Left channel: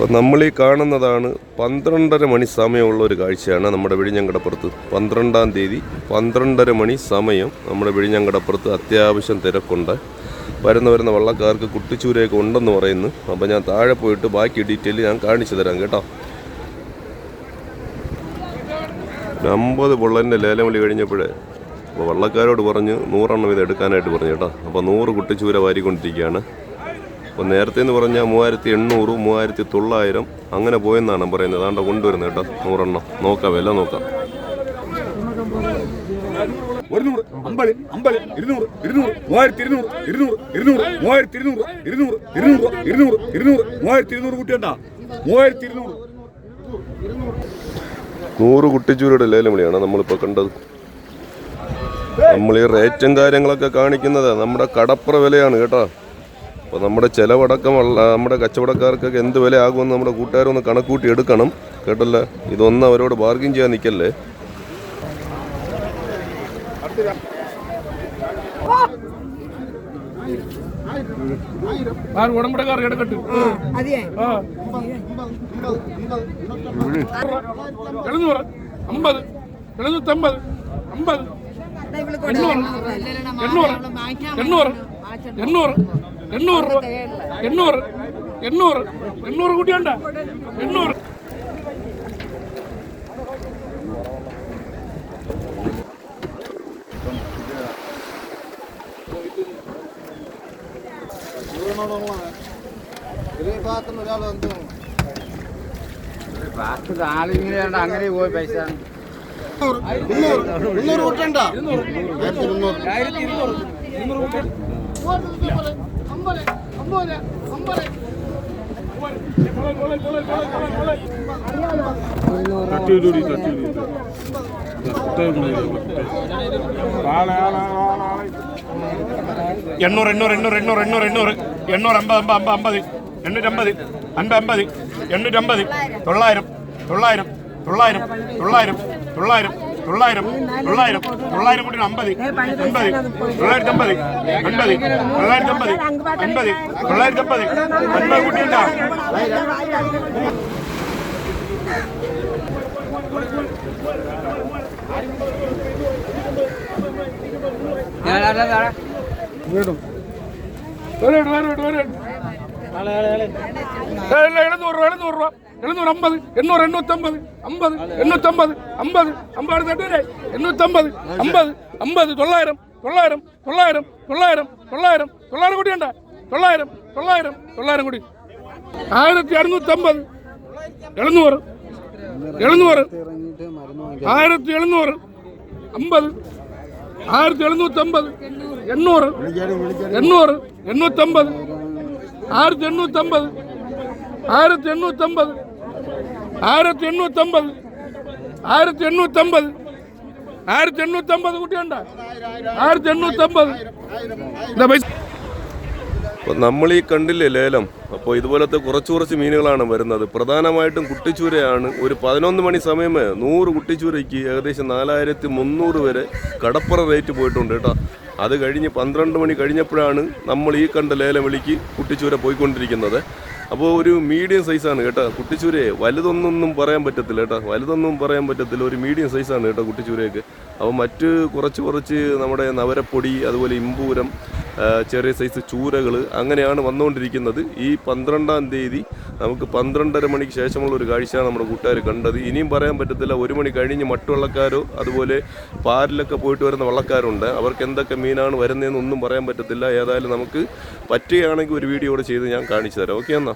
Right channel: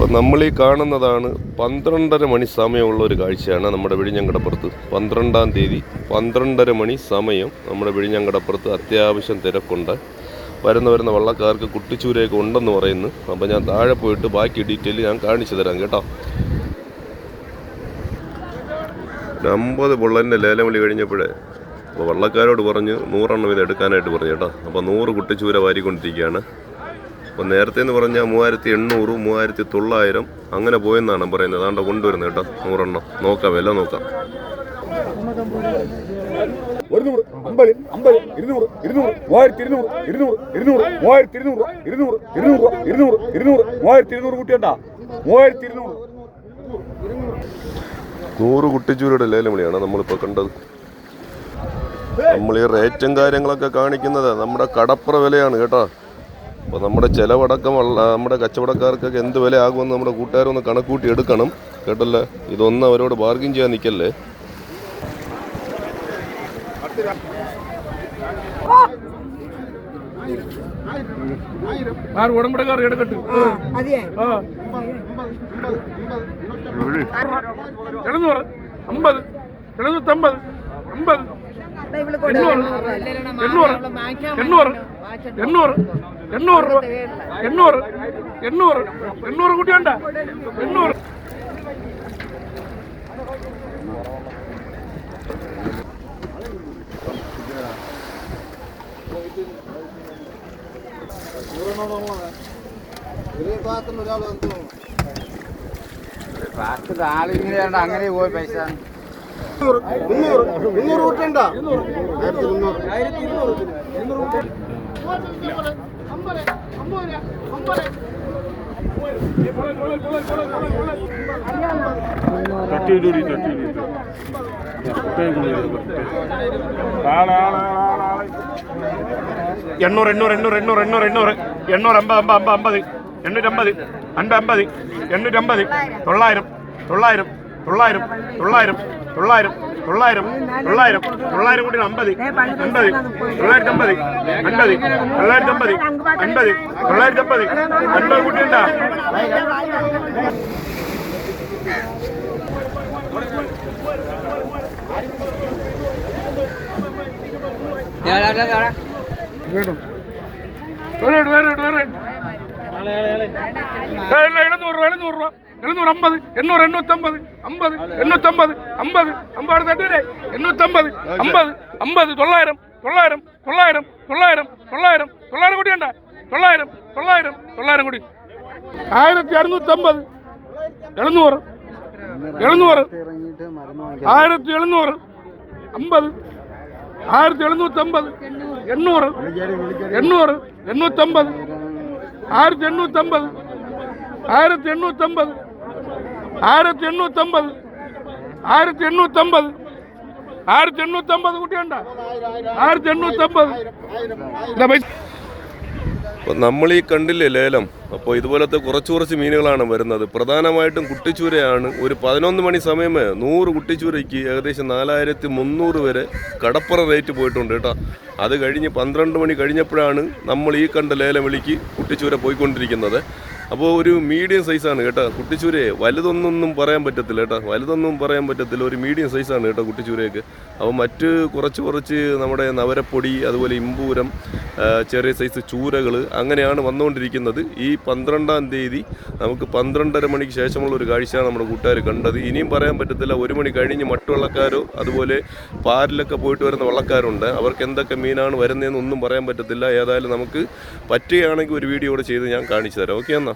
അപ്പോൾ നമ്മൾ ഈ കാണുന്നതാണ് പന്ത്രണ്ടര മണി സമയമുള്ള ഒരു കാഴ്ചയാണ് നമ്മുടെ വിഴിഞ്ഞങ്കടപ്പുറത്ത്. പന്ത്രണ്ടാം തീയതി പന്ത്രണ്ടര മണി സമയം നമ്മുടെ വിഴിഞ്ഞങ്കടപ്പുറത്ത് അത്യാവശ്യം തിരക്കുണ്ട്. വരുന്ന വരുന്ന വള്ളക്കാർക്ക് കുട്ടിച്ചൂരയൊക്കെ ഉണ്ടെന്ന് പറയുന്നു. അപ്പോൾ ഞാൻ താഴെ പോയിട്ട് ബാക്കി ഡീറ്റെയിൽ ഞാൻ കാണിച്ചു തരാം കേട്ടോ. അമ്പത് പൊള്ളലിന്റെ ലേലം വിളി കഴിഞ്ഞപ്പോഴേ അപ്പോൾ വള്ളക്കാരോട് പറഞ്ഞ് നൂറെണ്ണം ഇത് എടുക്കാനായിട്ട് പറഞ്ഞു കേട്ടോ. അപ്പോൾ നൂറ് കുട്ടിച്ചൂര വാരിക്കൊണ്ടിരിക്കുകയാണ്. അപ്പോൾ നേരത്തെ എന്ന് പറഞ്ഞാൽ മൂവായിരത്തി എണ്ണൂറ് മൂവായിരത്തി തൊള്ളായിരം അങ്ങനെ പോയെന്നാണ് പറയുന്നത്. അതാണ്ട് കൊണ്ടുവരുന്നത് കേട്ടോ നൂറെണ്ണം. നോക്കാം വില നോക്കാം. ഒരുന്നൂറ് അമ്പത് അമ്പത് ഇരുന്നൂറ് ഇരുന്നൂറ് മൂവായിരത്തി ഇരുന്നൂറ് ഇരുന്നൂറ് ഇരുന്നൂറ് മൂവായിരത്തി ഇരുന്നൂറ് ഇരുന്നൂറ് ഇരുന്നൂറ് ഇരുന്നൂറ് ഇരുന്നൂറ് മൂവായിരത്തി ഇരുന്നൂറ് കൂട്ടിയണ്ട മൂവായിരത്തി ഇരുന്നൂറ് നൂറ് കുട്ടിച്ചൂരുടെ ലേലം വിളിയാണ് നമ്മളിപ്പോൾ കണ്ടത്. നമ്മൾ ഈ റേറ്റും കാര്യങ്ങളൊക്കെ കാണിക്കുന്നത് നമ്മുടെ കടപ്ര വിലയാണ് കേട്ടോ. അപ്പോൾ നമ്മുടെ ചിലവടക്കം ഉള്ള നമ്മുടെ കച്ചവടക്കാർക്കൊക്കെ എന്ത് വില ആകുമെന്ന് നമ്മുടെ കൂട്ടുകാരൊന്ന് കണക്കൂട്ടി എടുക്കണം. കേട്ടല്ലേ? ഇതൊന്നും അവരോട് ബാർഗിൻ ചെയ്യാൻ നിൽക്കല്ലേ ആറ് ഉടമ്പടക്കാർ എടുക്കട്ടെ. ആ. എഴുന്നൂറ്. അമ്പത്. എഴുന്നൂറ്റമ്പത്. അമ്പത്. എണ്ണൂറ്. എണ്ണൂറ്. എണ്ണൂറ്. എണ്ണൂറ് രൂപ എണ്ണൂറ് എണ്ണൂറ് എണ്ണൂറ് കൂട്ടി വേണ്ട എണ്ണൂറ് ആളിങ്ങനെയാണ്ട് അങ്ങനെ പോയി പൈസ ഇരുന്നൂറ് കൂട്ടണ്ട ആയിരത്തി ഇരുന്നൂറ് ഇരുന്നൂറ് കൂട്ടണ്ട എണ്ണൂറ് എണ്ണൂറ് എണ്ണൂറ് എണ്ണൂറ് എണ്ണൂറ് എണ്ണൂറ്. എണ്ണൂറ് അമ്പത് അമ്പത് അമ്പത് അമ്പത്. എണ്ണൂറ്റമ്പത് അൻപത് അമ്പത്. എണ്ണൂറ്റമ്പത്. തൊള്ളായിരം തൊള്ളായിരം തൊള്ളായിരം തൊള്ളായിരം തൊള്ളായിരം. தொள்ளாயிரம் தொள்ளாயிரம் தொள்ளாயிரம் கோடி ஐம்பது எண்பது தொள்ளாயிரத்தி ஐம்பது எண்பது தொள்ளாயிரத்தி ஐம்பது எண்பது தொள்ளாயிரத்தி ஐம்பது எண்பது கோடிண்டா வேணும். வேணும் வேணும் வேணும். ஒரு வேலை நூறு ரூபா. எழுநூறு ஐம்பது எண்ணூறு எண்ணூத்தம்பது ஐம்பது எண்ணூத்தம்பது ஐம்பது ஐம்பது தட்டுரை எண்ணூத்தம்பது ஐம்பது ஐம்பது தொள்ளாயிரம் தொள்ளாயிரம் தொள்ளாயிரம் தொள்ளாயிரம் தொள்ளாயிரம் தொள்ளாயிரம் கோடி வேண்டா தொள்ளாயிரம் தொள்ளாயிரம் தொள்ளாயிரம் கோடி ஆயிரத்தி அறுநூத்தம்பது எழுநூறு எழுநூறு ஆயிரத்தி எழுநூறு ஐம்பது ஆயிரத்தி எழுநூத்தம்பது എണ്ണൂറ് എണ്ണൂറ് എണ്ണൂറ്റമ്പത് ആയിരത്തി എണ്ണൂറ്റമ്പത് ആയിരത്തി എണ്ണൂറ്റമ്പത് ആയിരത്തി എണ്ണൂറ്റമ്പത് ആയിരത്തി എണ്ണൂറ്റമ്പത് ആയിരത്തി എണ്ണൂറ്റമ്പത് കുട്ടിയുണ്ട ആയിരത്തി എണ്ണൂറ്റമ്പത് പൈസ നമ്മൾ ഈ കണ്ടില്ലേ ലേലം? അപ്പോൾ ഇതുപോലത്തെ കുറച്ച് കുറച്ച് മീനുകളാണ് വരുന്നത്. പ്രധാനമായിട്ടും കുട്ടിച്ചൂരയാണ്. ഒരു പതിനൊന്ന് മണി സമയമേ നൂറ് കുട്ടിച്ചൂരയ്ക്ക് ഏകദേശം നാലായിരത്തി മുന്നൂറ് വരെ കടപ്പുറ റേറ്റ് പോയിട്ടുണ്ട് കേട്ടോ. അത് കഴിഞ്ഞ് പന്ത്രണ്ട് മണി കഴിഞ്ഞപ്പോഴാണ് നമ്മൾ ഈ കണ്ട ലേലം വിളിക്ക് കുട്ടിച്ചൂര പോയിക്കൊണ്ടിരിക്കുന്നത്. അപ്പോൾ ഒരു മീഡിയം സൈസാണ് കേട്ടോ. കുട്ടിച്ചൂരയെ വലുതൊന്നൊന്നും പറയാൻ പറ്റത്തില്ല കേട്ടോ. വലുതൊന്നും പറയാൻ പറ്റത്തില്ല. ഒരു മീഡിയം സൈസാണ് കേട്ടോ കുട്ടിച്ചൂരയൊക്കെ. അപ്പോൾ മറ്റ് കുറച്ച് കുറച്ച് നമ്മുടെ നവരപ്പൊടി അതുപോലെ ഇമ്പൂരം ചെറിയ സൈസ് ചൂരകൾ അങ്ങനെയാണ് വന്നുകൊണ്ടിരിക്കുന്നത്. ഈ പന്ത്രണ്ടാം തീയതി നമുക്ക് പന്ത്രണ്ടര മണിക്ക് ശേഷമുള്ള ഒരു കാഴ്ചയാണ് നമ്മുടെ കൂട്ടുകാർ കണ്ടത്. ഇനിയും പറയാൻ പറ്റത്തില്ല. ഒരു മണി കഴിഞ്ഞ് മട്ടുവള്ളക്കാരോ അതുപോലെ പാരിലൊക്കെ പോയിട്ട് വരുന്ന വള്ളക്കാരുണ്ട്. അവർക്ക് എന്തൊക്കെ മീനാണ് വരുന്നതെന്ന് ഒന്നും പറയാൻ പറ്റത്തില്ല. ഏതായാലും നമുക്ക് പറ്റുകയാണെങ്കിൽ ഒരു വീഡിയോ കൂടെ ചെയ്ത് ഞാൻ കാണിച്ചു തരാം. ഓക്കെ എന്നാ